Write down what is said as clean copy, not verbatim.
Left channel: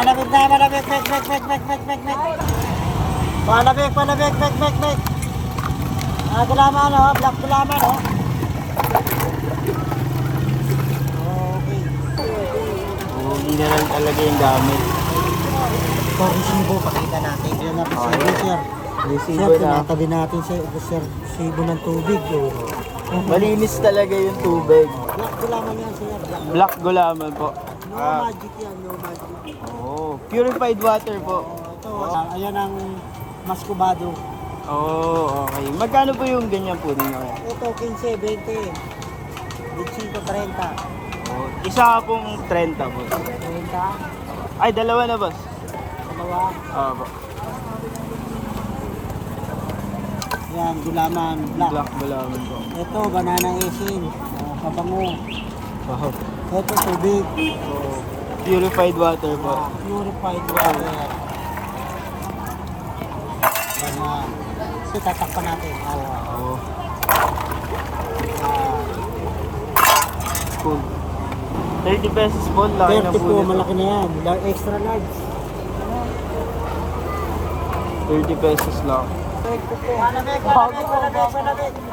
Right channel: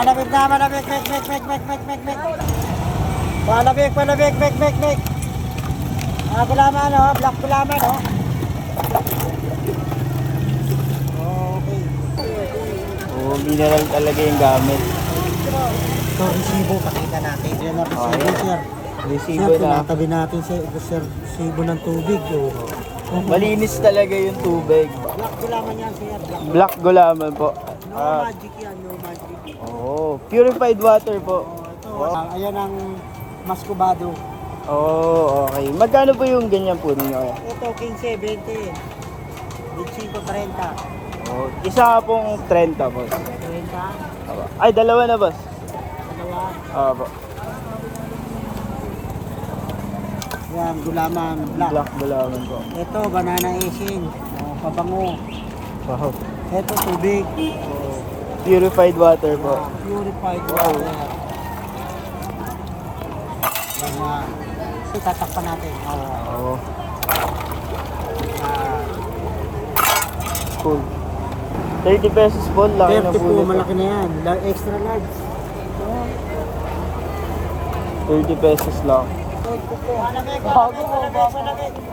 Malabig na, malabig, mek. Malabig, mek. Gulaman, oh. Black gulaman, oh. Okay. Oh, hindi na lang talaga yung gamit. Ito, resibo, pakita natin. Yan na, resibo, sir. Resibo Sir, na. tinatabi natin sa sir, resibo ng tubig. Oh. Malinis talaga yung tubig. Black gulaman yan, sir. Black gulaman po. No magic yan, no magic. Oh, purified water po. Ito, ayan ang maskubado. Oh, okay. Magkano po yung ganyan po ninyo? Ito, 15, 20. 25, 30. Oh, isa ka pong 30 po. 30, Ay, dalawa na boss. dalawa. Po. Yan, gulaman, black. Black gulaman po. Ito, banana asin. Pabango. Oh, Ito, tubig. purified water po. Purified water. Yan na. Ito, tatakpan natin. Oh, Ah, cool. 30 pesos po lang. 30 po, malaki na yan. Extra large. 30 pesos lang. Malamig.